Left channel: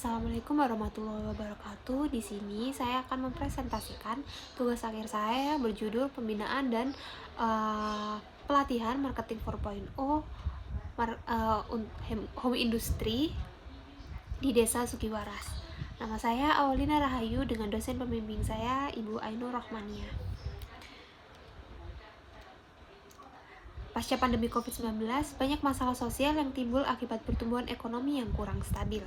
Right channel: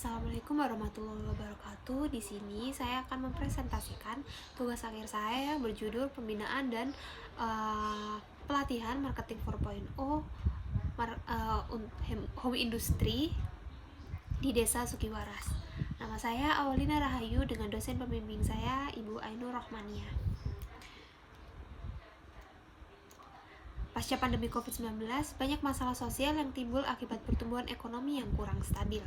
Assalamualaikum warahmatullahi wabarakatuh. Di sini saya akan mempresentasikan tugas akhir saya yang berjudul Pembinaan dan Pelatihan Marketing 4.0 Home Industry di Desa Sukiwaras. Nama saya Awalina Rahayu dengan dosen pembimbing saya Ibu Ainur Rahmania. Pasca pandemi COVID-19, banyak masalah sosial yang timbul akibat pertumbuhan ekonomi yang kurang stabil,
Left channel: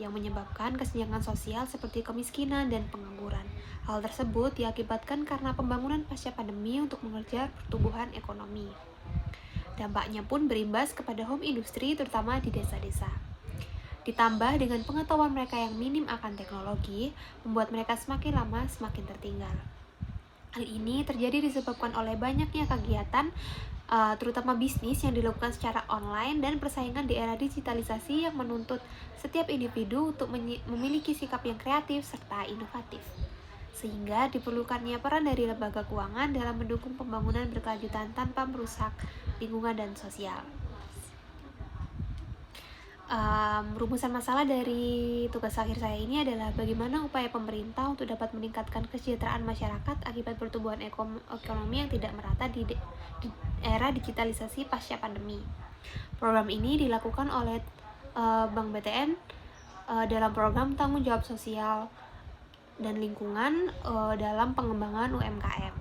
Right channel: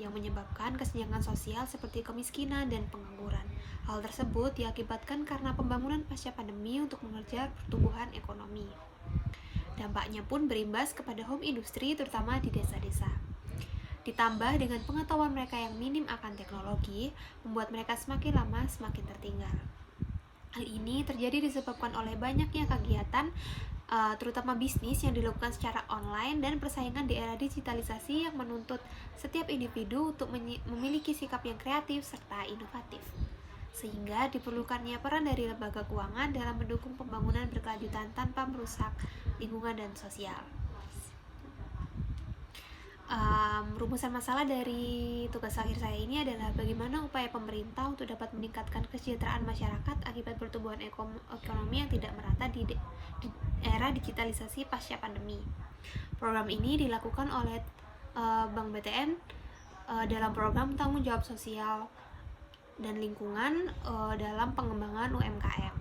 yang menyebabkan kesenjangan sosial seperti kemiskinan dan pengangguran. Hal tersebut diakibatkan karena pembangunan pasca pandemi untuk mengejar pertumbuhan ekonomi. Dampaknya pun berimbas kepada home industry terutama di desa-desa. Ditambah dengan pengetahuan mereka yang minim akan teknologi, membuat mereka semakin lama semakin tertinggal. Hal ini terjadi disebabkan oleh banyaknya kegiatan terutama bisnis yang dilakukan secara online dan persaingan di era digitalisasi yang menuntut setiap individu untuk memiliki sikap yang kreatif serta inovatif. Sehingga diperlukannya peran dari lembaga keuangan dalam mendukung pembangunan berkelanjutan tanpa merusak lingkungan dan sosial. Rumusan masalah dari tugas akhir saya ini adalah bagaimana upaya pemerintah untuk dapat meningkatkan kesejahteraan masyarakat akibat pertumbuhan ekonomi yang tidak merata di era digitalisasi pasca pandemi. Program ini dilakukan oleh Bank BTN dalam program tanggung jawab sosial dan lingkungan dalam pengembangan UMKM.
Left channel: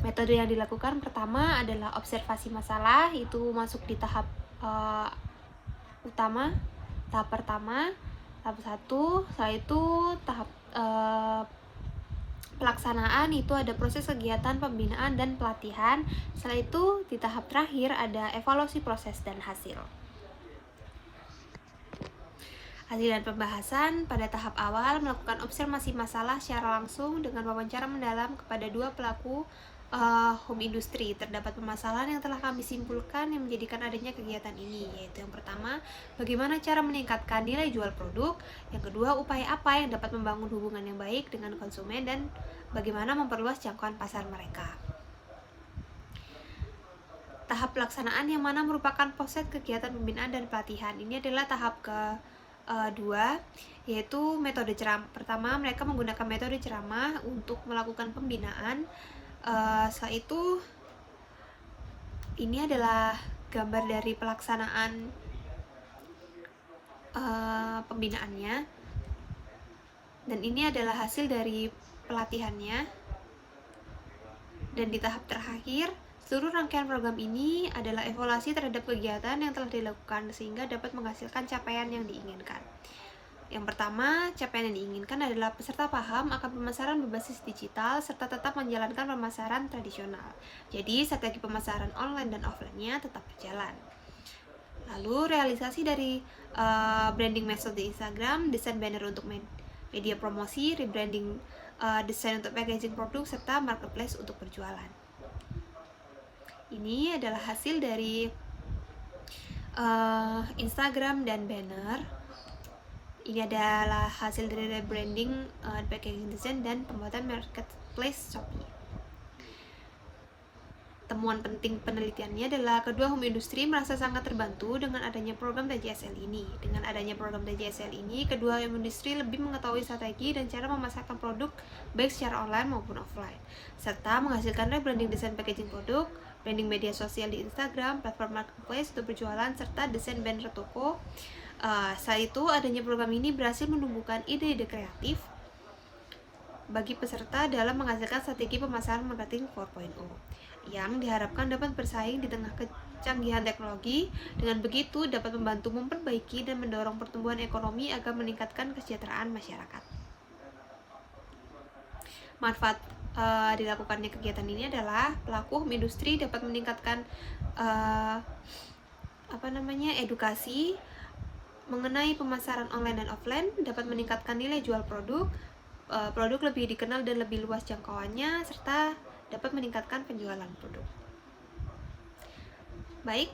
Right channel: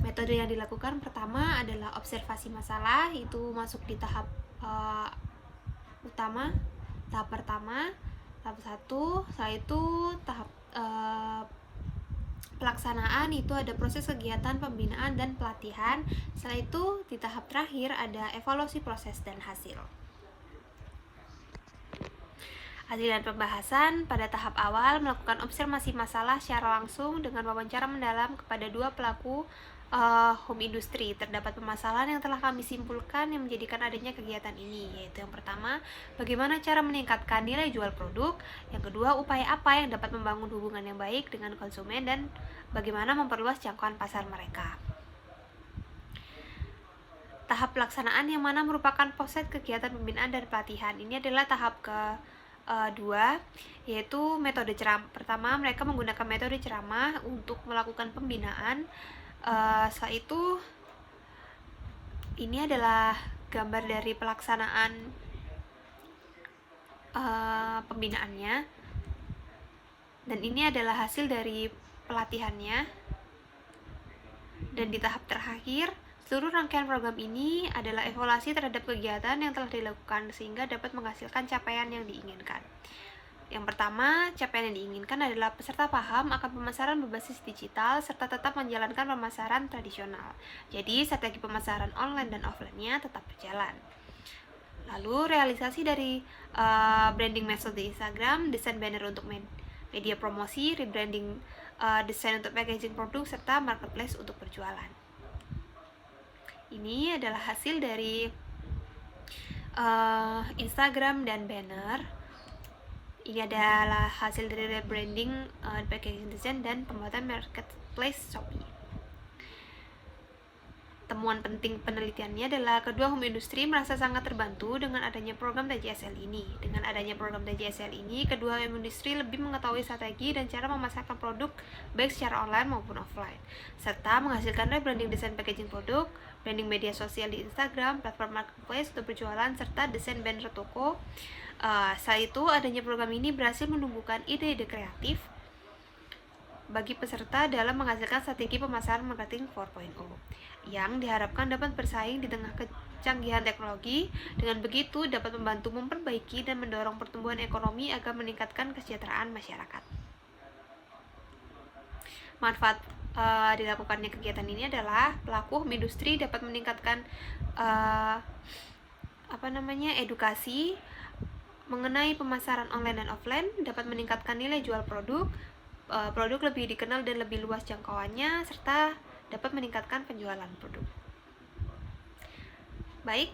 Metode yang dilakukan pertama adalah observasi masalah, itu masuk di tahap utama, tahap pertama, tahap 1, setelah itu tahap pelaksanaan, itu ada proses kegiatan pembinaan dan pelatihan. Setelah itu di tahap terakhir ada evaluasi proses dan hasil. Hasil dan pembahasan pada tahap awal melakukan observasi masalah secara langsung dengan wawancara mendalam kepada dua pelaku home industry. Terdapat permasalahan yang telah kami simpulkan yang menjadikan adanya kegiatan ini, yaitu yang pertama, bagaimana cara meningkatkan nilai jual produk, yang kedua, upaya apa yang dapat membangun hubungan yang baik dengan konsumen, dan bagaimana memperluas jangkauan pasar mereka. Tahap pelaksanaan yang mana merupakan proses kegiatan pembinaan dan pelatihan. Ini adalah tahap kedua, yaitu metode ceramah. Pertama, mereka menggunakan metode ceramah untuk melakukan pembinaan. Setelah itu, ini adalah gambar dari pelaksanaan pembinaannya, dan ini adalah hasil dari pelatihannya. Dan di tahap terakhir, seluruh rangkaian program ini adalah evaluasi terhadap kegiatan yang telah dilakukan sehingga dapat menghasilkan capaian yang diinginkan. Yang pertama, capaian yang diinginkan adalah peserta paham akan pemasaran berbasis digital serta tetap menjalankan pemasaran tradisional. Jadi, strategi pemasaran online dan offline-nya tetap berjalan. Lalu, realisasi dari branding medsos di Instagram, desain banner untuk media promosi, rebranding desain untuk packaging produk, serta marketplace untuk berjualan. Ini adalah hasil dari Instagram dan banner. Ini adalah hasil dari rebranding, packaging design, dan pembuatan marketplace Shopee. Temuan penting penelitiannya adalah kedua home industry merasa sangat terbantu dengan adanya program TJSL ini. Dengan adanya program TJSL ini, kedua home industry lebih mengetahui strategi dan cara memasarkan produk baik secara online maupun offline, serta menghasilkan rebranding desain packaging produk, branding media sosial di Instagram, platform marketplace untuk berjualan, serta desain banner toko. Saat itu, adanya program ini berhasil menumbuhkan ide-ide kreatif bagi peserta dalam menghasilkan strategi pemasaran marketing 4.0 yang diharapkan dapat bersaing di tengah kecanggihan teknologi. Dengan begitu, dapat membantu memperbaiki dan mendorong pertumbuhan ekonomi agar meningkatkan kesejahteraan masyarakat. Manfaat dilakukannya kegiatan ini adalah pelaku home industry dapat meningkatkan edukasi mengenai pemasaran online dan offline, dapat meningkatkan nilai jual produk lebih dikenal dan lebih luas jangkauannya, serta dapat meningkatkan penjualan produk. Baik,